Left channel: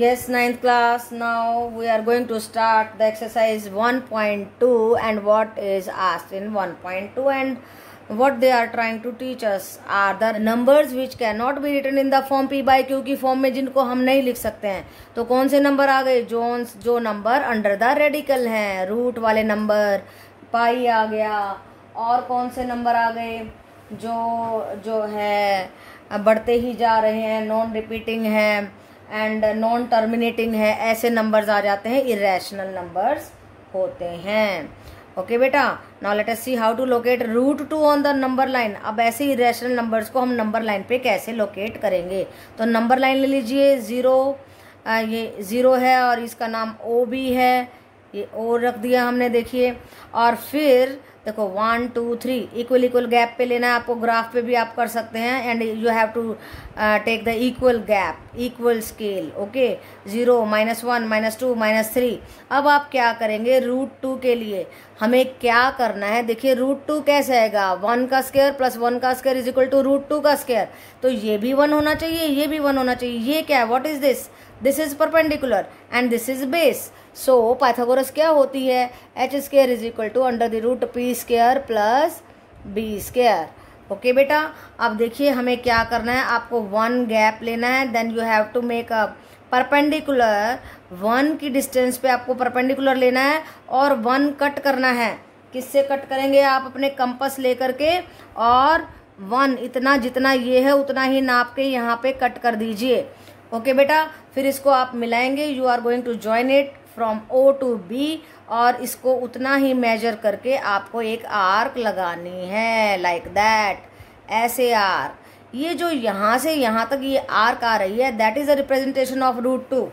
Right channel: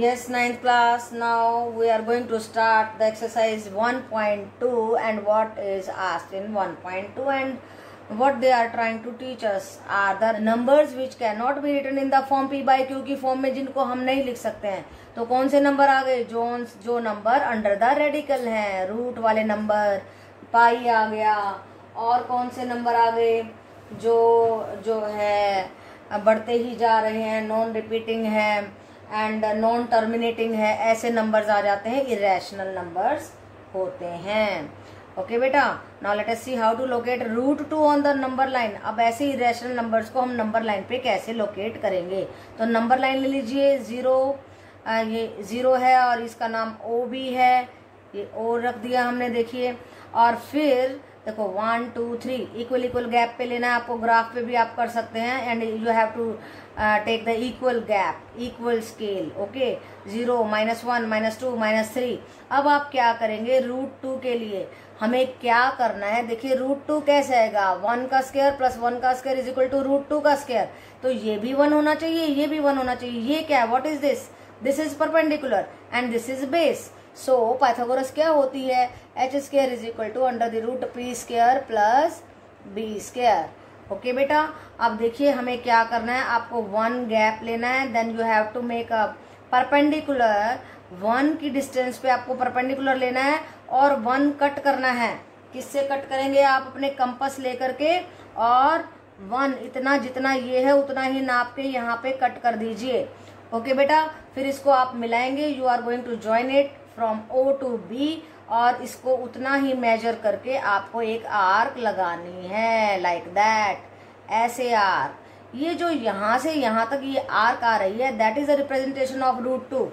Yes, ninth class. Now we are going to start the exercise 1.2 and what is asked in 1.2 and what they are trying to teach us are the numbers which cannot be written in the form p by q की form में जिनको हम नहीं लिख सकते हैं। तो कौन से नंबर आ गए? जो नंबर अंडर द रेडिकल हैं, रूट वाले नंबर, पाई आ गया। और कौन से नंबर आ गए जो है बढ़ते ही जा रहे हैं, नॉन रिपीटिंग है एंड नॉन टर्मिनेटिंग है, ऐसे नंबर्स आ जाते हैं, इरेशनल नंबर्स होते हैं। ओके बेटा, now let us see how to locate root 2 on the number line. अब ऐसे इरेशनल नंबर्स को हम नंबर लाइन पे कैसे लोकेट करेंगे? तो नंबर लाइन ले लीजिए, ये 0 है और इसका नाम ओ भी है, ये ओ रख दिया हमने, देखिए। और फिर देखो 1 2 3 इक्वल गैप पे लेना है आपको, ग्राफ पे भी आप कर सकते हैं and you have to take the equal gap, equal scale. Okay, 0 -1 -2 -3। अब आप क्या करेंगे? रूट 2 के लिए हमें क्या करना है? देखिए रूट 2 कैसे आएगा? 1 का स्क्वायर प्लस 1 का square is equal to root 2 का स्क्वायर। तो ये भी 1 होना चाहिए, ये भी 1 होना चाहिए। ये क्या है? What is this? This is perpendicular and this is base. So Pythagoras क्या होती है? H square is equal to under the root P square plus B square. Okay बेटा, अब देखिए हमें क्या करना है, आपको 1 गैप लेना है, then you have to make a perpendicular. 1 की डिस्टेंस पे आपको परपेंडिकुलर लेना है और 1 कट करना है। किससे कट करेंगे? आप अपने कंपास लेकर के, और 1 इतना जितना ये है उतना ही नाप के यहाँ पे कट कर दीजिए। ओके बेटा, फिर इसको आप मिलाएंगे, you are going to join it from O to B, और इसको उतना ही मेजर करके आपको एक आर्क लगानी है, लाइक दैट, ऐसे आर्क। ये जो यहाँ से यहाँ तक ये आर्क आ रही है, that is a representation of root 2।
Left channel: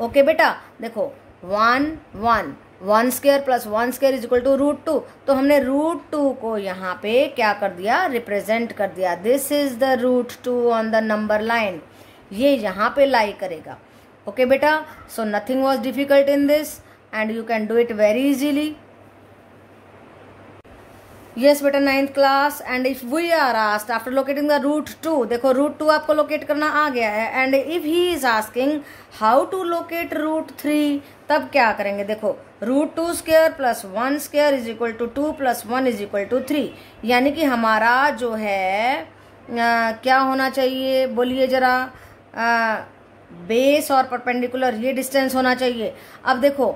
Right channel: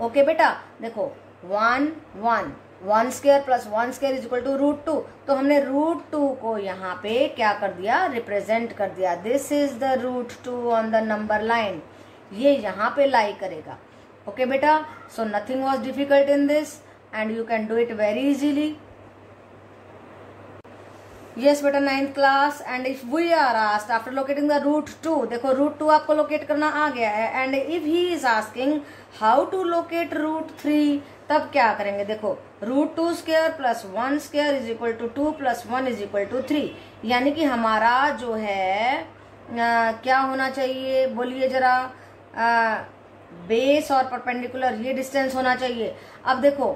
Okay बेटा, देखो 1 square plus 1 square is equal to root 2। तो हमने रूट 2 को यहाँ पे क्या कर दिया? रिप्रेजेंट कर दिया। This is the root 2 on the number line. ये यहाँ पे लाई करेगा। ओके बेटा, so nothing was difficult in this and you can do it very easily. Yes बेटा, 9th class. And if we are asked after locating the root 2, देखो root 2 आपको locate करना आ गया है, and if he is asking how to locate root 3, तब क्या करेंगे? देखो root 2 square plus 1 square is equal to 2 plus 1 is equal to 3। यानी कि हमारा जो है क्या होना चाहिए? बोलिए जरा। बेस और परपेंडिकुलर ये डिस्टेंस होना चाहिए। अब देखो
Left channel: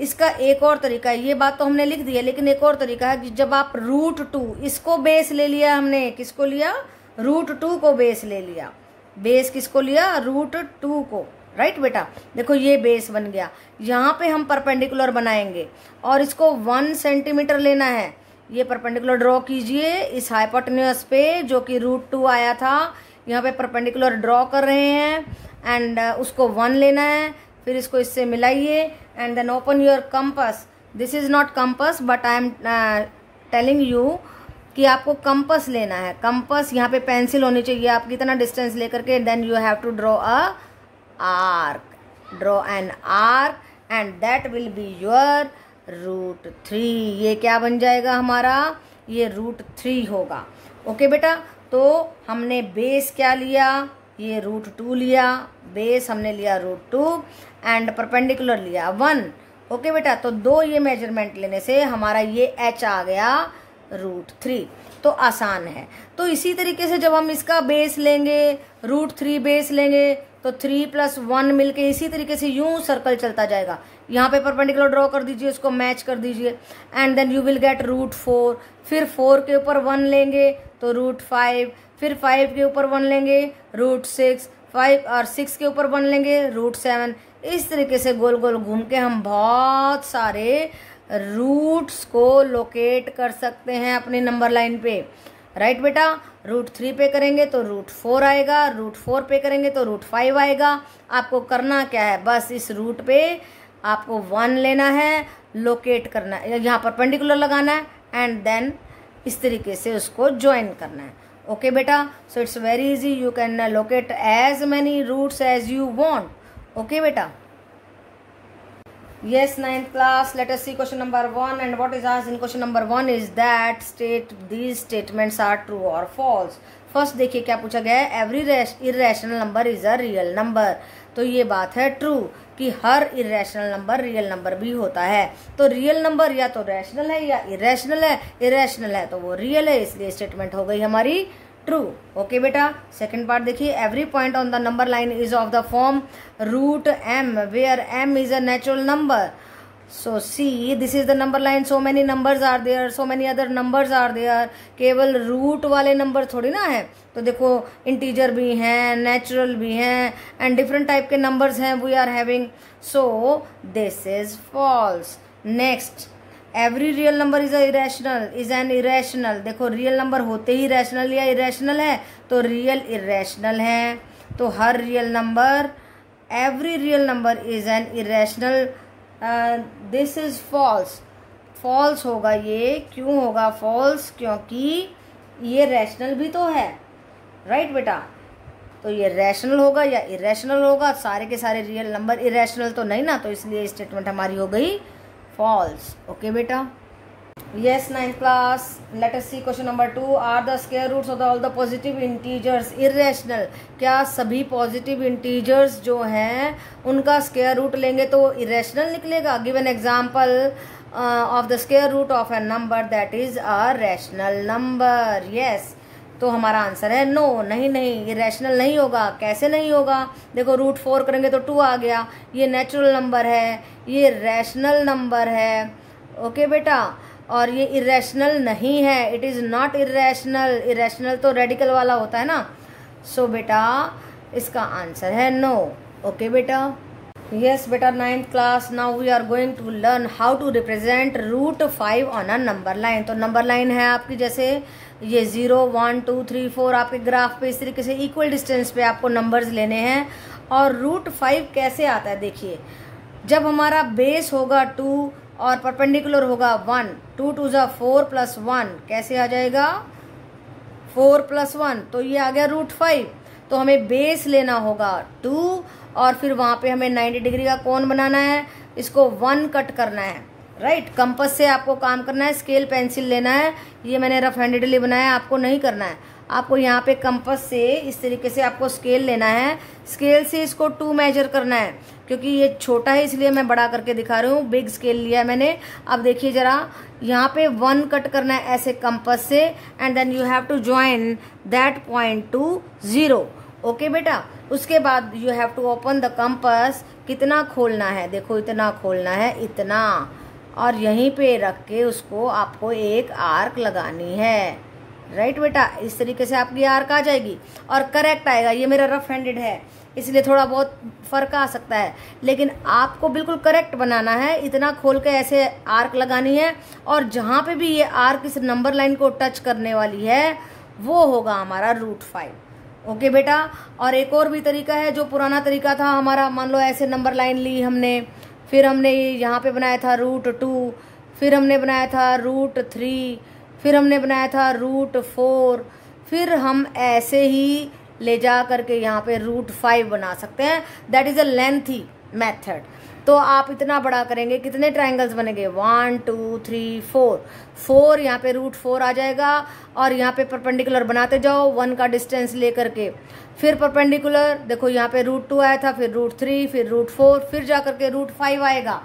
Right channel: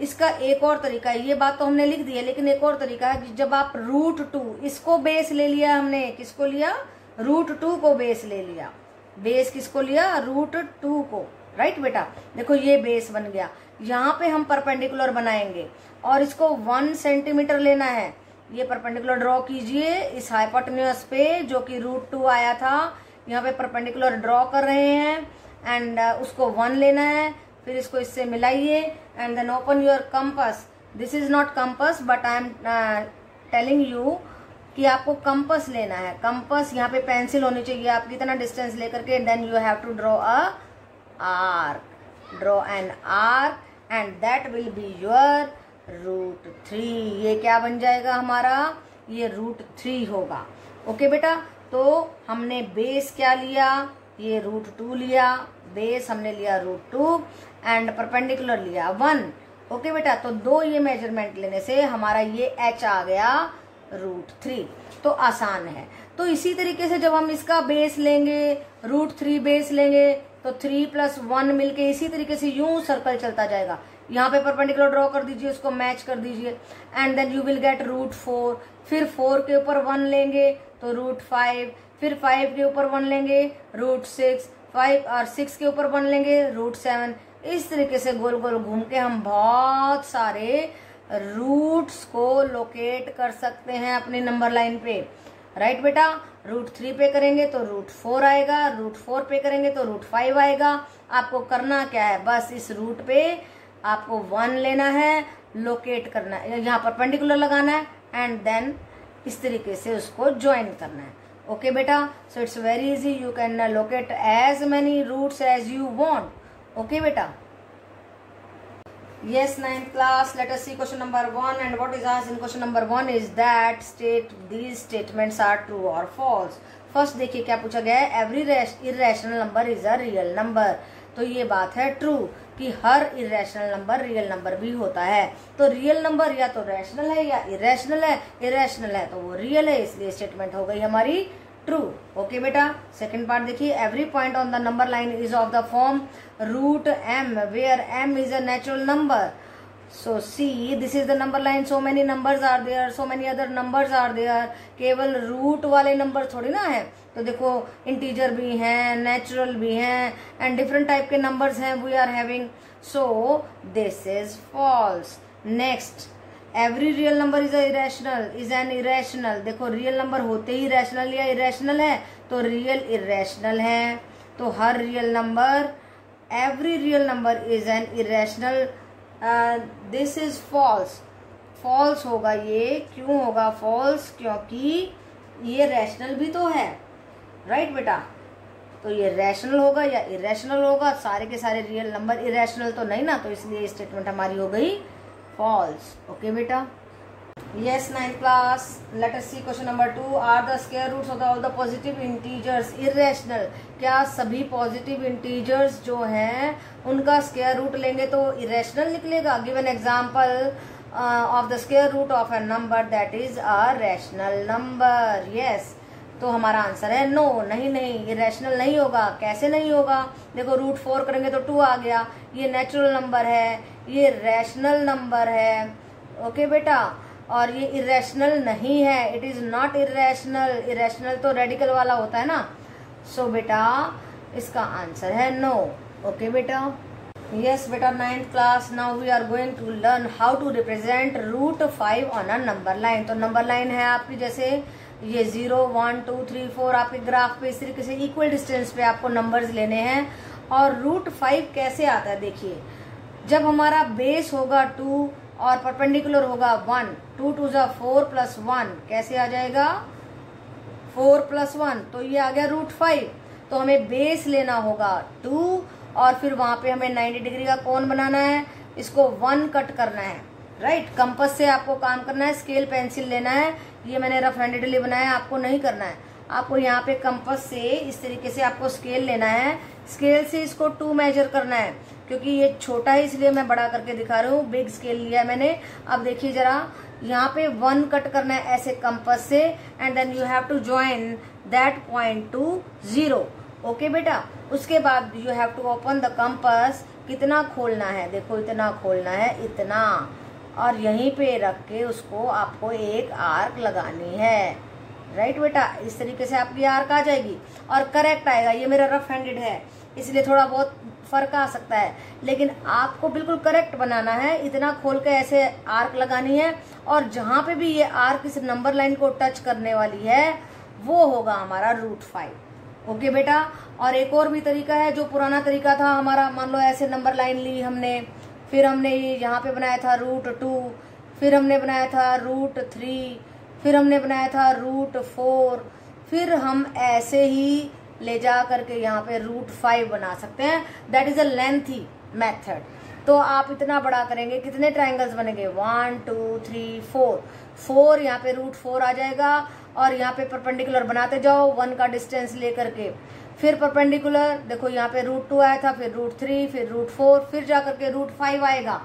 इसका एक और तरीका है, ये बात तो हमने लिख दी है, लेकिन एक और तरीका है कि जब आप रूट 2 इसको बेस ले लिया, हमने किसको लिया? रूट 2 को बेस ले लिया। बेस किसको लिया? रूट 2 को, राइट बेटा। देखो ये बेस बन गया, यहाँ पे हम परपेंडिकुलर बनाएंगे और इसको 1 सेंटीमीटर लेना है। ये परपेंडिकुलर ड्रॉ कीजिए इस हाइपोटेन्यूज पे जो कि रूट 2 आया था, यहाँ पे परपेंडिकुलर ड्रॉ कर रहे हैं एंड उसको 1 लेना है। फिर इसको इससे मिलाइए and then open your compass. This is not compass but I am telling you कि आपको कंपास लेना है। कंपास यहाँ पे पेंसिल होनी चाहिए आपकी, इतना डिस्टेंस लेकर के, then you have to draw a arc, draw an arc and that will be your root 3। ये क्या बन जाएगा हमारा? ये रूट 3 होगा। ओके बेटा, तो हमने बेस क्या लिया? ये रूट 2 लिया, बेस हमने लिया रूट 2 एंड परपेंडिकुलर लिया 1। ओके बेटा, तो 2 ये मेजरमेंट लेने से हमारा ये एच आ गया रूट 3। तो आसान है। तो इसी तरीके से जब हम इसका बेस लेंगे, रूट 3 बेस लेंगे, तो 3 प्लस 1 मिलके इसी तरीके से यूं सर्कल चलता जाएगा। यहाँ पे परपेंडिकुलर ड्रॉ कर दीजिए, उसको मैच कर दीजिए and then you will get root 4। फिर 4 के ऊपर 1 लेंगे तो रूट 5, फिर 5 के ऊपर 1 लेंगे रूट 6, 5 और 6 के ऊपर 1 लेंगे रूट 7। इस तरीके से गोल गोल घूम के हम बहुत सारे रूट्स को लोकेट कर सकते हैं अपने नंबर लाइन पे, राइट बेटा। रूट 3 पे करेंगे तो रूट 4 आएगा, रूट 4 पे करेंगे तो रूट 5 आएगा। आपको करना क्या है? बस इस रूट पे आपको 1 लेना है, लोकेट करना है, यहाँ परपेंडिकुलर लगाना है एंड देन इस तरीके से उसको ज्वाइन करना है। ओके बेटा, so it's very easy, you can locate as many roots as you want. Okay बेटा। Yes, 9th class. Let us see question number 1 and what is asked in question number 1 is that state these statements are true or false. First देखिए क्या पूछा गया है, every irrational number is a real number. तो ये बात है true कि हर इरेशनल नंबर रियल नंबर भी होता है। तो रियल नंबर या तो रैशनल है या इरेशनल है, इरेशनल है तो वो रियल है, इसलिए स्टेटमेंट हो गई हमारी ट्रू। ओके बेटा, सेकंड पार्ट देखिए, every point on the number line is of the form root m where m is a natural number. So see, this is the number line, so many numbers are there, so many other numbers are there। केवल root वाले number थोड़ी ना है, तो देखो integer भी हैं, natural भी हैं, एंड डिफरेंट टाइप के नंबर्स हैं we are having. So this is false. Next, every real number is irrational, is an irrational. देखो रियल नंबर होते ही रैशनल या इरेशनल है, तो रियल इरेशनल है। तो हर real number, every real number is an irrational. This is false. False होगा ये, क्यों होगा फॉल्स? क्योंकि ये रैशनल भी तो है, राइट बेटा। तो ये रैशनल होगा या इरेशनल होगा? सारे के सारे रियल नंबर इरेशनल तो नहीं ना, तो इसलिए स्टेटमेंट हमारी हो गई फॉल्स। ओके बेटा, yes 9th class, let us see question number 2। Are the square roots of all the positive integers irrational? क्या सभी पॉजिटिव इंटीजर्स जो हैं उनका स्क्वायर रूट लेंगे तो इरेशनल निकलेगा? Give an example of the square root of a number that is a rational number. Yes, तो हमारा आंसर है नो, नहीं नहीं, इरेशनल नहीं होगा। कैसे नहीं होगा? देखो रूट 4 करेंगे तो 2 आ गया, ये नेचुरल नंबर है, ये रैशनल नंबर है। ओके बेटा, और ये इरेशनल नहीं है, it is not irrational. Irrational तो रेडिकल वाला होता है ना। सो बेटा इसका आंसर है नो। ओके बेटा, यस बेटा 9th class, now we are going to learn how to represent root 5 on a number line. तो नंबर लाइन है आपकी, जैसे ये 0 1 2 3 4 आपके ग्राफ पे इस तरीके से इक्वल डिस्टेंस पे आपको नंबर्स लेने हैं। और रूट 5 कैसे आता है? देखिए, जब हमारा बेस होगा 2 और परपेंडिकुलर होगा 1, 2 2 जा 4 प्लस 1 कैसे आ जाएगा? 4 प्लस 1, तो ये आ गया रूट 5। तो हमें बेस लेना होगा 2 और फिर वहां पे हमें 90 डिग्री का कोण बनाना है, इसको 1 कट करना है, राइट। कंपास से आपको काम करना है, स्केल पेंसिल लेना है। ये मैंने रफ हैंडेडली बनाया, आपको नहीं करना है। आपको यहाँ पे कंपास से इस तरीके से आपको स्केल लेना है, स्केल से इसको 2 मेजर करना है। क्योंकि ये छोटा है इसलिए मैं बड़ा करके दिखा रही हूँ, बिग स्केल लिया है मैंने। अब देखिए जरा, यहाँ पे 1 कट करना है ऐसे कंपास से, and then you have to join that point to 0। Okay बेटा, उसके बाद you have to open the compass. कितना खोलना है? देखो इतना खोलना है, इतना, और यहीं पे रख के उसको आपको एक आर्क लगानी है, राइट बेटा। इस तरीके से आपकी आर्क आ जाएगी और करेक्ट आएगा। ये मेरा रफ हैंडेड है इसलिए थोड़ा बहुत फर्क आ सकता है, लेकिन आपको बिल्कुल करेक्ट बनाना है। इतना खोल के ऐसे आर्क लगानी है, और जहां पे भी ये आर्क इस नंबर लाइन को टच करने वाली है वो होगा हमारा रूट 5। ओके बेटा, और एक और भी तरीका है, जो पुराना तरीका था हमारा। मान लो ऐसे नंबर लाइन ली हमने, फिर हमने यहाँ पे बनाया था रूट 2, फिर हमने बनाया था रूट 3, फिर हमने बनाया था रूट 4, फिर हम ऐसे ही ले जा करके यहाँ पे रूट 5 बना सकते हैं। That is a lengthy method. तो आप इतना बड़ा करेंगे, कितने ट्रायंगल्स बनेंगे? 1 2 3 4 यहाँ पे रूट 4 आ जाएगा, और यहाँ पे परपेंडिकुलर बनाते जाओ 1 का डिस्टेंस लेकर के। फिर परपेंडिकुलर, देखो यहाँ पे रूट 2 आया था, फिर रूट 3, फिर रूट 4, फिर जा करके रूट 5 आएगा।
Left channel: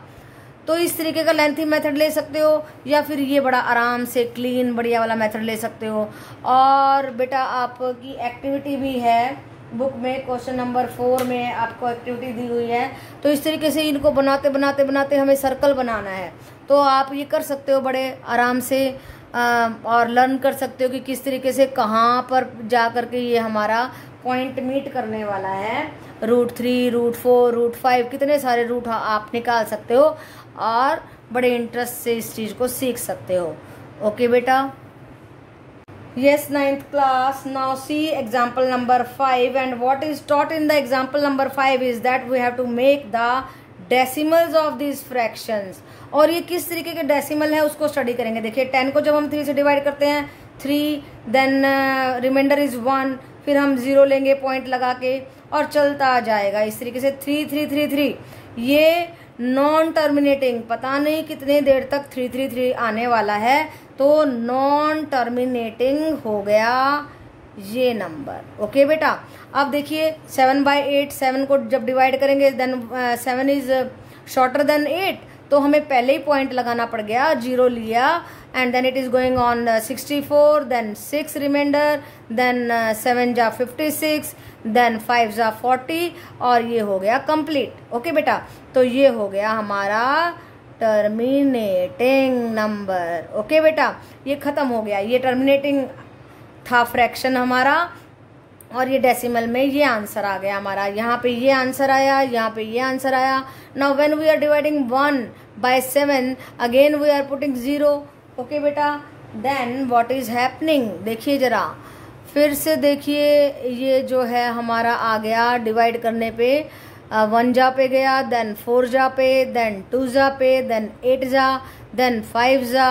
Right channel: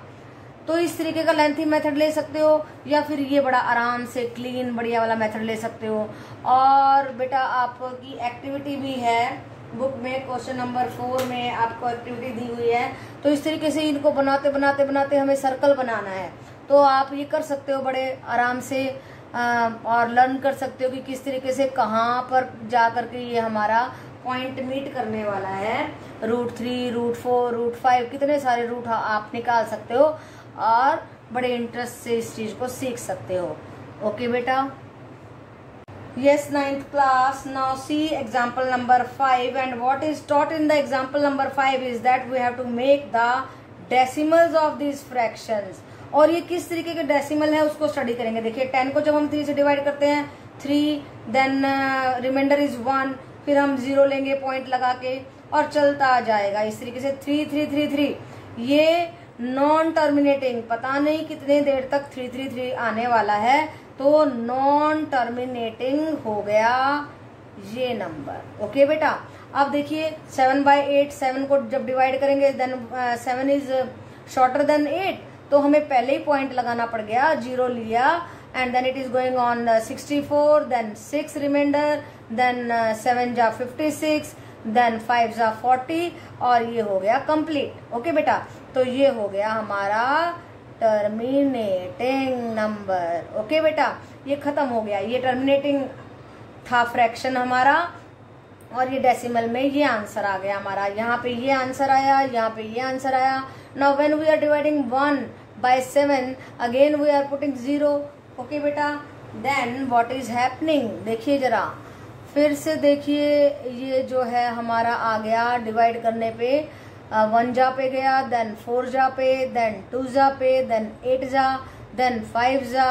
तो इस तरीके का लेंथी मेथड ले सकते हो, या फिर ये बड़ा आराम से क्लीन बढ़िया वाला मेथड ले सकते हो। और बेटा आपकी एक्टिविटी भी है बुक में, क्वेश्चन नंबर 4 में आपको एक्टिविटी दी हुई है। तो इस तरीके से इनको बनाते बनाते बनाते हमें सर्कल बनाना है। तो आप ये कर सकते हो बड़े आराम से, और लर्न कर सकते हो कि किस तरीके से कहाँ पर जा करके ये हमारा पॉइंट मीट करने वाला है। रूट 3, रूट 4, रूट 5, कितने सारे रूट आप निकाल सकते हो, और बड़े इंटरेस्ट से इस चीज को सीख सकते हो। ओके बेटा, yes 9th class, now see example number 5, and what is taught in the example number 5 is that we have to make the decimals of these fractions। और ये किस तरीके के डेसिमल है उसको स्टडी करेंगे। देखिए 10 को जब हम 3 से डिवाइड करते हैं 3, देन रिमाइंडर इज 1, फिर हम 0 लेंगे पॉइंट लगा के, और चलता जाएगा इस तरीके से 3 3 3 3। ये नॉन टर्मिनेटिंग, पता नहीं कितने देर तक 3 3 3 आने वाला है, तो नॉन टर्मिनेटिंग हो गया ये नंबर। ओके बेटा, अब देखिए 7/8, 7 को जब डिवाइड करेंगे देन 7 इज शॉर्टर देन 8, तो हमें पहले ही पॉइंट लगाना पड़ गया, 0 लिया and then it is going on 64, then 6 remainder, then 7 जा 56, देन 5 जा 40 और ये हो गया कंप्लीट। ओके बेटा, तो ये हो गया हमारा टर्मिनेटिंग नंबर। ओके बेटा, ये खत्म हो गया, ये टर्मिनेटिंग था फ्रैक्शन हमारा और ये डेसिमल में ये आंसर आ गया हमारा। यहाँ पे ये आंसर आया, यहाँ पे ये आंसर आया। Now when we are dividing 1/7 again we are putting 0। Okay बेटा, देन व्हाट इज हैपनिंग, देखिए जरा फिर से देखिए, ये जो है हमारा आ गया डिवाइड करने पे 1 जा पे गया, देन 4 जा पे, देन 2 जा पे, देन 8 जा, देन 5 जा,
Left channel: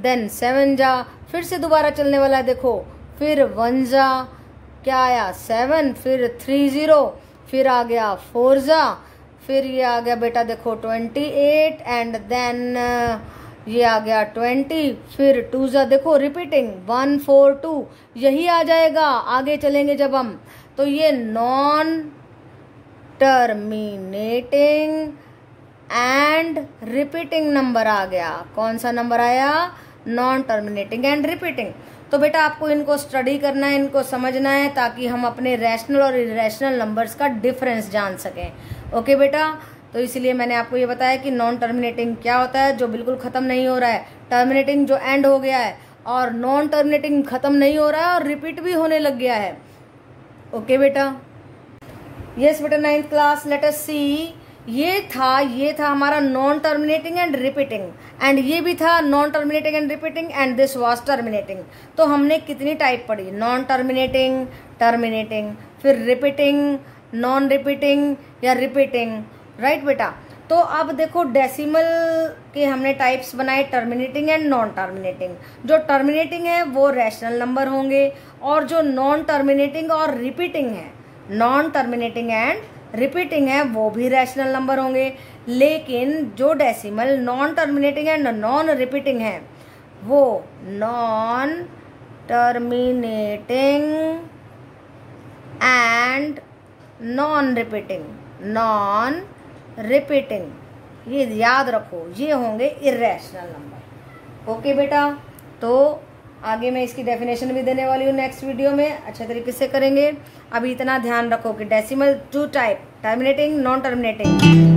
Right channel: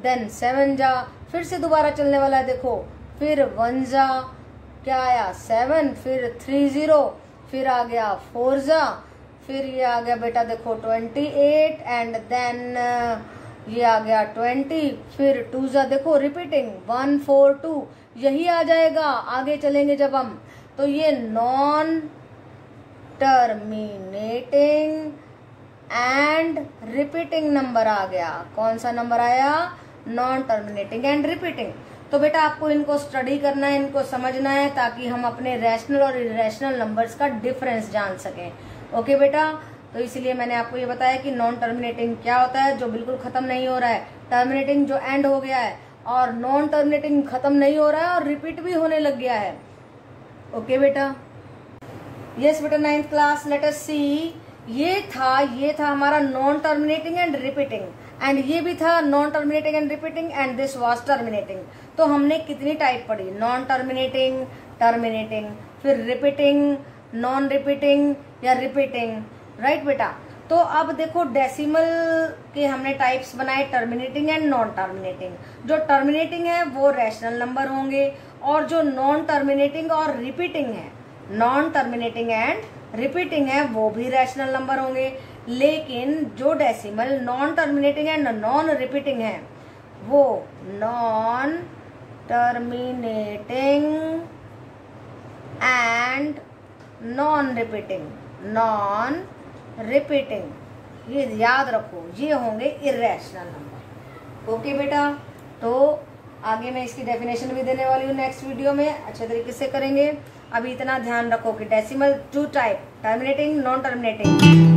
देन 7 जा, फिर से दोबारा चलने वाला है। देखो फिर 1 जा, क्या आया 7, फिर 3 0, फिर आ गया 4 जा, फिर ये आ गया बेटा देखो 28 एंड देन ये आ गया 20, फिर 2 जा, देखो रिपीटिंग 1 4 2 यही आ जाएगा आगे चलेंगे जब हम। तो ये non terminating and repeating number आ गया। कौन सा नंबर आया, नॉन टर्मिनेटिंग एंड रिपीटिंग। तो बेटा आपको इनको स्टडी करना है, इनको समझना है ताकि हम अपने रैशनल और इरेशनल नंबर्स का डिफरेंस जान सकें। ओके बेटा, तो इसलिए मैंने आपको ये बताया कि नॉन टर्मिनेटिंग क्या होता है, जो बिल्कुल खत्म नहीं हो रहा है, टर्मिनेटिंग जो एंड हो गया है, और नॉन टर्मिनेटिंग खत्म नहीं हो रहा है और रिपीट भी होने लग गया है। ओके बेटा, यस बेटा 9th क्लास, लेट अस सी। ये था हमारा non terminating and repeating, and ये भी था non terminating and repeating, and this was terminating. तो हमने कितनी टाइप पढ़ी, नॉन टर्मिनेटिंग, टर्मिनेटिंग, फिर रिपीटिंग, नॉन रिपीटिंग या रिपीटिंग, राइट बेटा। तो अब देखो डेसिमल के हमने टाइप्स बनाए, टर्मिनेटिंग एंड नॉन टर्मिनेटिंग। जो टर्मिनेटिंग है वो रैशनल नंबर होंगे, और जो नॉन टर्मिनेटिंग और रिपीटिंग है, नॉन टर्मिनेटिंग एंड रिपीटिंग है, वो भी रैशनल नंबर होंगे। लेकिन जो decimal non terminating and non repeating है वो non terminating and non repeating, ये याद रखो, ये होंगे इरेशनल नंबर। ओके बेटा, तो आगे मैं इसकी डेफिनेशन भी देने वाली हूँ नेक्स्ट वीडियो में, अच्छे तरीके से करेंगे। अभी इतना ध्यान रखो कि decimal 2 type, terminating, non terminating.